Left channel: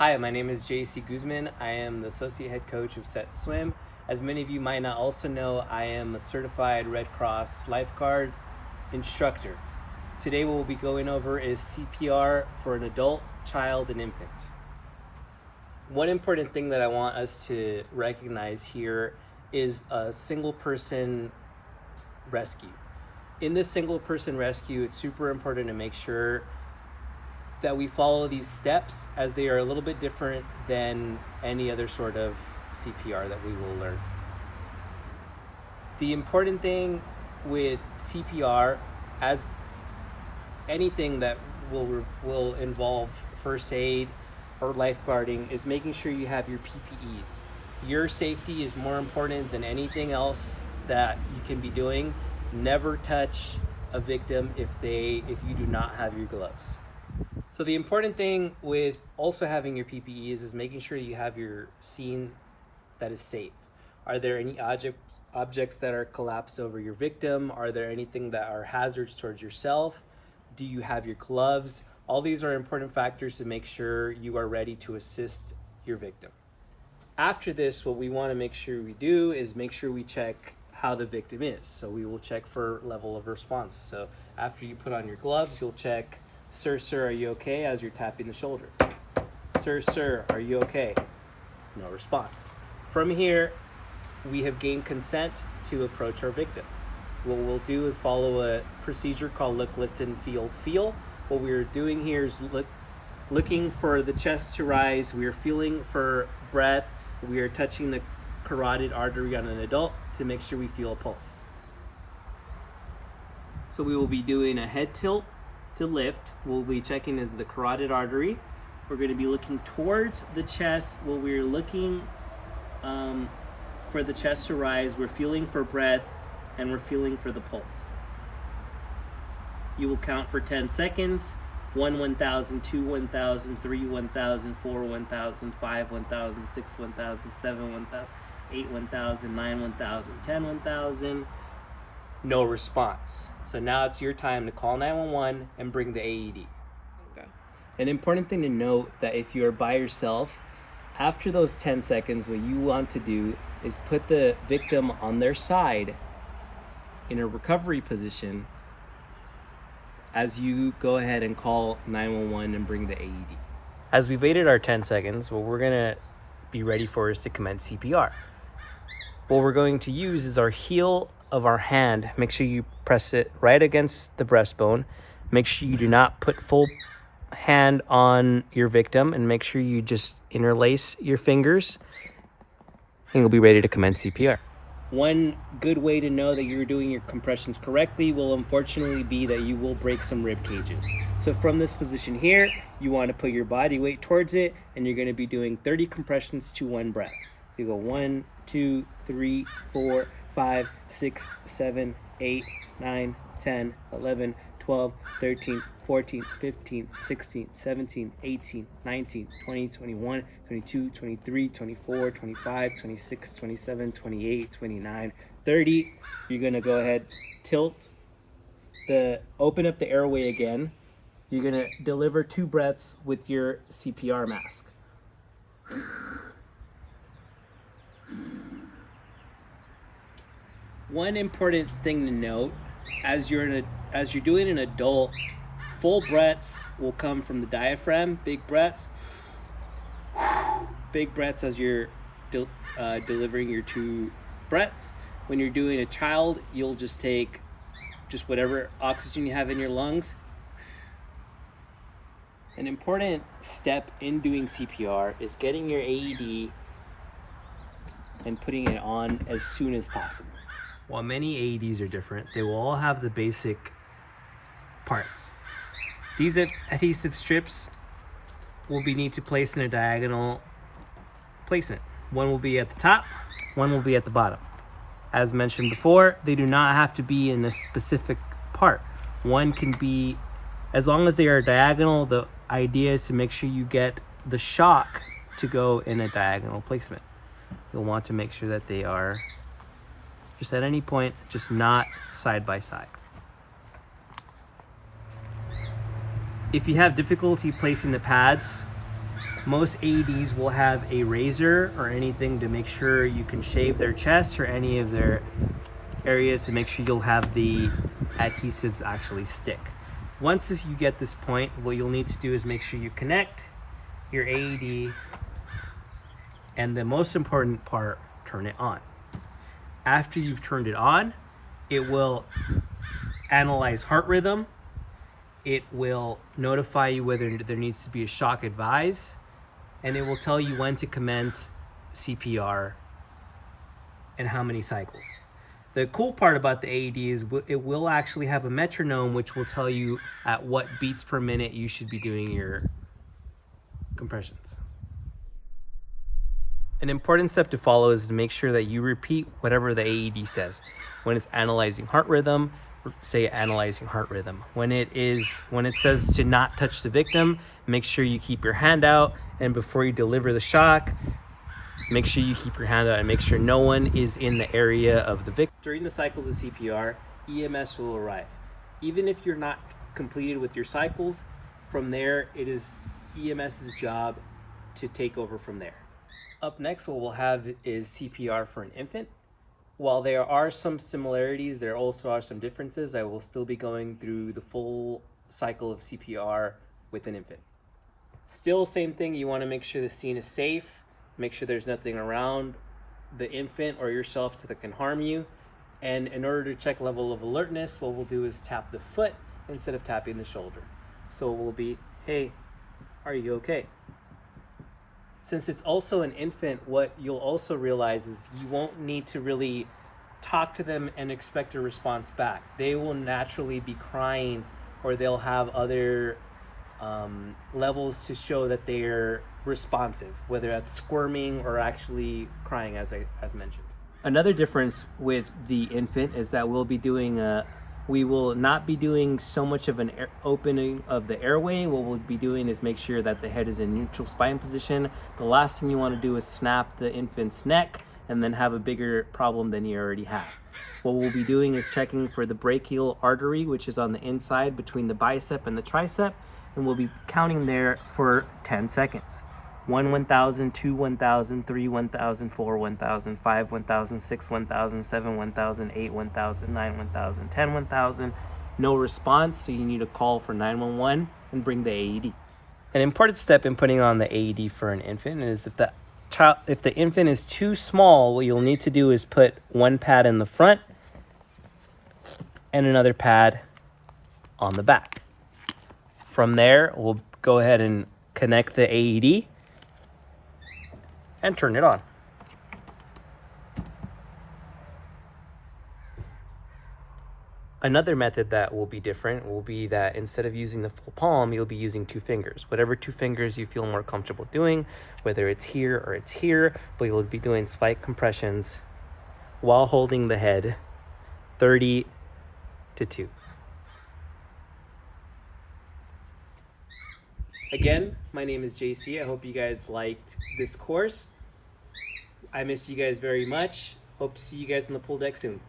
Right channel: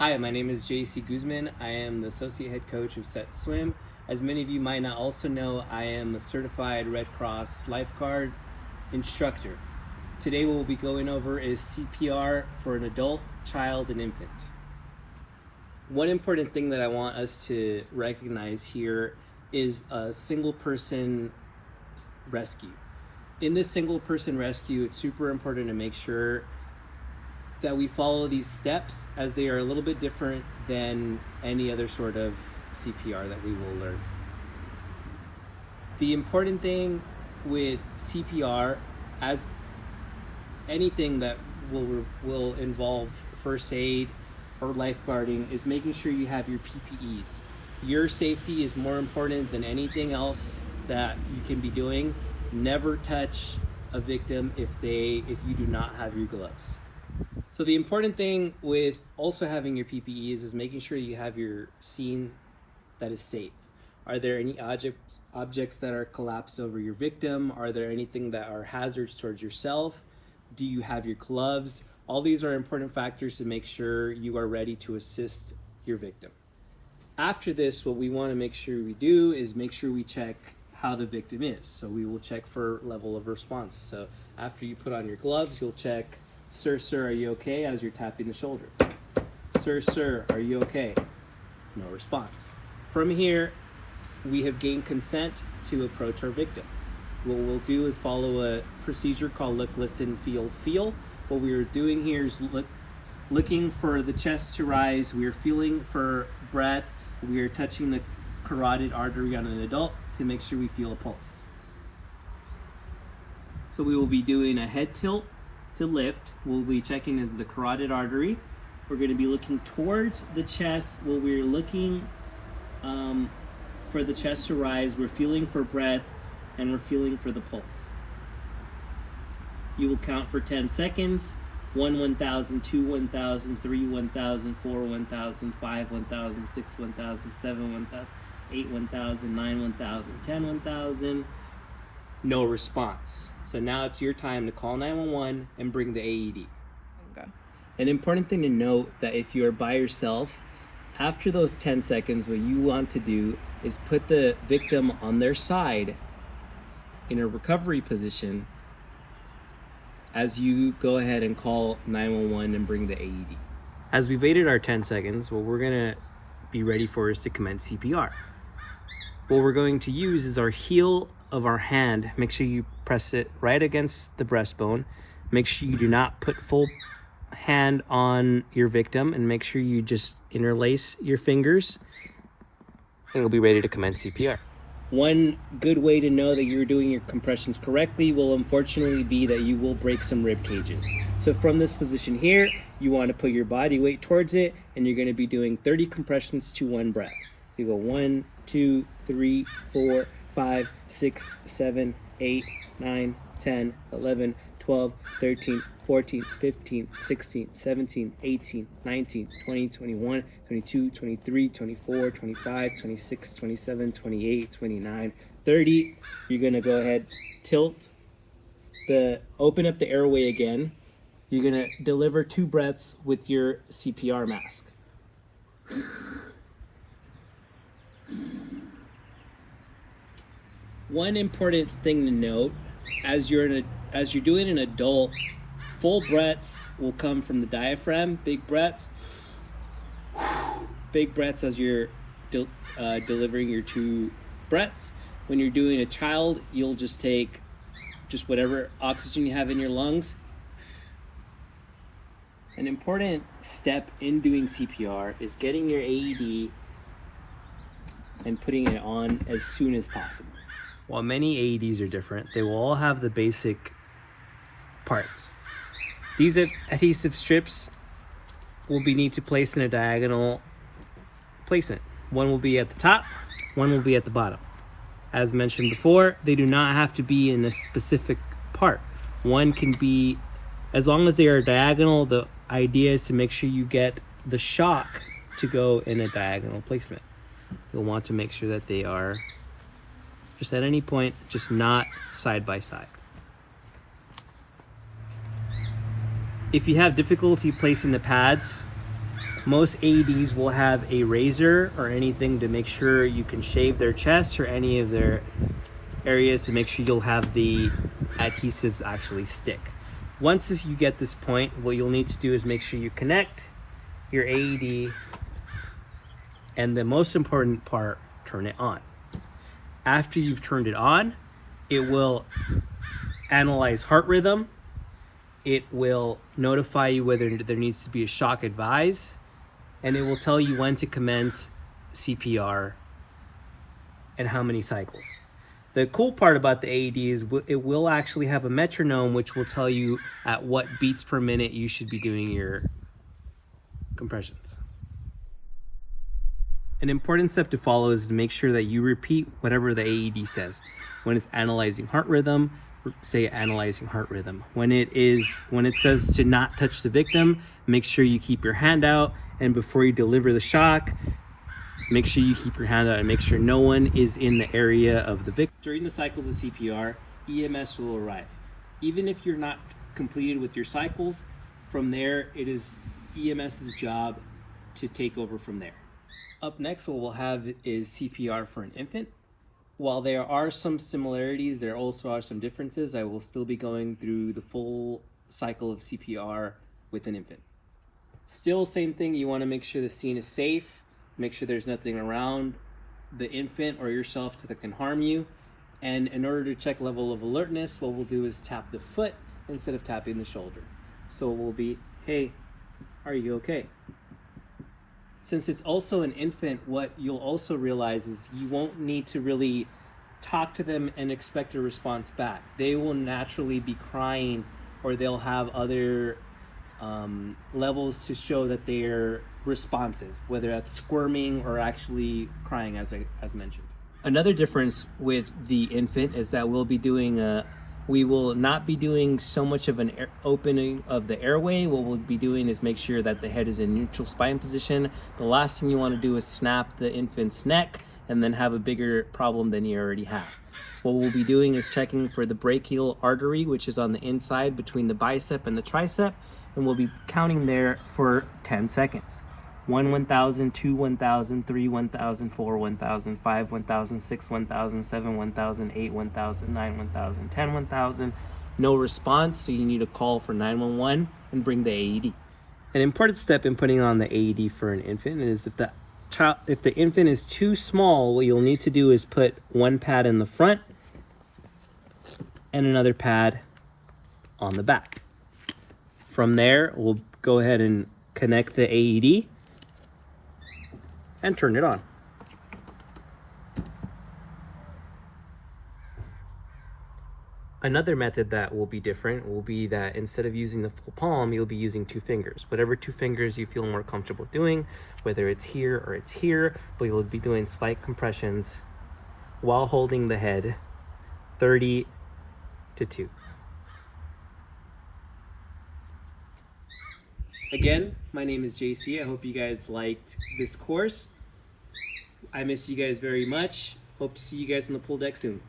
Hi, my name is JC Guzman. I am the Associate Head Coach of Set Swim. As many of you might not also know, I am a certified Red Cross lifeguard instructor. Today what we'll be going over is CPR for an adult, child, and infant. One important thing that I want us to recognize here is a single person rescue. In this single person rescue, it's super important to make sure that we follow these steps, as they are a little bit different than any other sort of CPR that we will learn. The important thing with CPR, as anything that will involve first aid or lifeguarding, is making sure you have your PPEs. Your safety is more important than anything else that you can be doing. Never touch a victim if you do not have your gloves. So the important thing with also having your PPEs is making sure you have your scene that is safe. Are there any objects that are collapsed over your victim? Are there anything that are hazards towards yourself? Do you have your gloves? All these are important factors to make sure you are ready to assist your victim. After this, what we want to make sure we do is make sure we check how the victim is. So we will check for level of response. So after you put on your gloves, you'll check, sir, are you okay?" as you're tapping the shoulder. Sir, are you okay?" No response. From here, we have gained consent to approach our victim. What we'll do is follow a procedure called Luckless Feel. What we are doing here is looking for the chest to rise. We are feeling for breath. We are touching the carotid artery on an adult to make sure we feel a pulse. So we will be doing a head tilt to lift. We'll be checking is the carotid artery. We're going to be looking towards the chest. While we're looking for the chest to rise, we're feeling for breath and we're feeling for the pulse. You will count for 10 seconds. 1, 1,000, 2, 1,000, 3, 1,000, 4, 1,000, 5, 1,000, 6, 1,000, 7, 1,000, 8, 1,000, 9, 1,000, 10, 1,000. No response. So now it's your time to call 911 and bring the AED. Okay. An important thing to note that if you are by yourself, after those 10 seconds, what you want to do is put the victim on their side in a recovery position as you go ahead and call 911 and bring the AED. As we've waited our 10 seconds, what we're gonna be ready for is to commence CPR. What we're going to use is our heel of our hand. Make sure you press it right against the breastbone. Make sure you do not put full hand on your victim, and make sure you just interlace your fingers, and you'll be ready to commence CPR. One good way to know that you're doing your compressions correctly will unfortunately be that you will break some rib cages. So from this position here, you want to put your body weight towards it, and you're going to be doing 30 compressions to one breath. You go 1, 2, 3, 4, 5, 6, 7, 8, 9, 10, 11, 12, 13, 14, 15, 16, 17, 18, 19, 20, 21, 22, 23, 24, 25, 26, 27, 28, 29, 30. You're gonna go ahead, open up the airway again. You're gonna deliver 2 breaths with your CPR mask. One important thing to note, as you're doing an adult, full breaths will come from the diaphragm. Big breaths as you're delivering your 2 breaths. When you're doing a child, you'll just take whatever oxygen you have in your lungs. An important step in doing CPR is getting your AED and putting it on as soon as possible. While many AEDs are different, they will all have the basic parts. These adhesive strips will need to place in a diagonal placement. One will be at the top, one will be at the bottom. As mentioned before, they do not have to be in a specific part. One can be, as long as they are diagonal, the idea is to make sure you get the shock to go in a diagonal placement. You'll want to make sure that they are just at any point, just not side by side. If you have difficulty placing the pads, Most AEDs will have a razor or anything to make sure you can shave their chest or any of their areas to make sure you'll have the adhesives actually stick. Once you get this point, what you'll need to do is make sure you connect your AED, and the most important part, turn it on. After you've turned it on, it will analyze heart rhythm. It will notify you whether there needs to be a shock advise, and it will tell you when to commence CPR and how many cycles. The cool part about the AED is it will actually have a metronome which will tell you at what beats per minute you should be doing your compressions. An important step to follow is to make sure that you repeat whatever the AED says. When it's analyzing heart rhythm, say analyzing heart rhythm. When it says to not touch the victim, make sure you keep your hand out, and before you deliver the shock, make sure you keep your hand out and make sure no one is in the area of the victim. During the cycles of CPR, EMS will arrive. Even if you're not completed with your cycles, from there it is EMS's job to take over from there. Up next, what we'll have is CPR for an infant. While there are some similarities, there also are some differences. I will still be going through the full cycle of CPR with an infant. Still, same thing, you want to make sure the scene is safe, make sure there's nothing around the infant or yourself that can harm you. And in order to check level of alertness, what we'll do is tap the foot instead of tapping the shoulder. So it will be, hey, are you okay? Since it's also an infant, what you'll also realize is you won't need to really talk to them and expect a response back. They will naturally be crying, or they'll have other levels to show that they're responsive, whether that's squirming or actually crying, as mentioned. Another difference with the infant is that we will not be doing so much of an opening of the airway. What we'll be doing is make sure that the head is in neutral spine position. The last thing you want to do is snap the infant's neck and then have a bigger problem than you already have. What we'll be doing is checking for the brachial artery, which is on the inside between the bicep and the tricep, and we'll be counting there for 10 seconds. 1, 1,000, 2, 1,000, 3, 1,000, 4, 1,000, 5, 1,000, 6, 1,000, 7, 1,000, 8, 1,000, 9, 1,000, 10, 1,000. No response, so you need to call for 911 and bring the AED. An important step in putting on the AED for an infant is if the infant is too small, what you'll need to do is put one pad in the front and another pad on the back. From there, we'll go ahead and connect the AED and turn it on. Another method that will be different will be that instead of using the full palm, you'll be using 2 fingers. Whatever 2 fingers you feel more comfortable doing, whether it's here or it's here, but you'll be doing spike compressions while holding the head 30 to 2. Again, my name is JC. I hope you guys liked this course. I miss you guys very much. Hope to see you guys on the pool deck soon.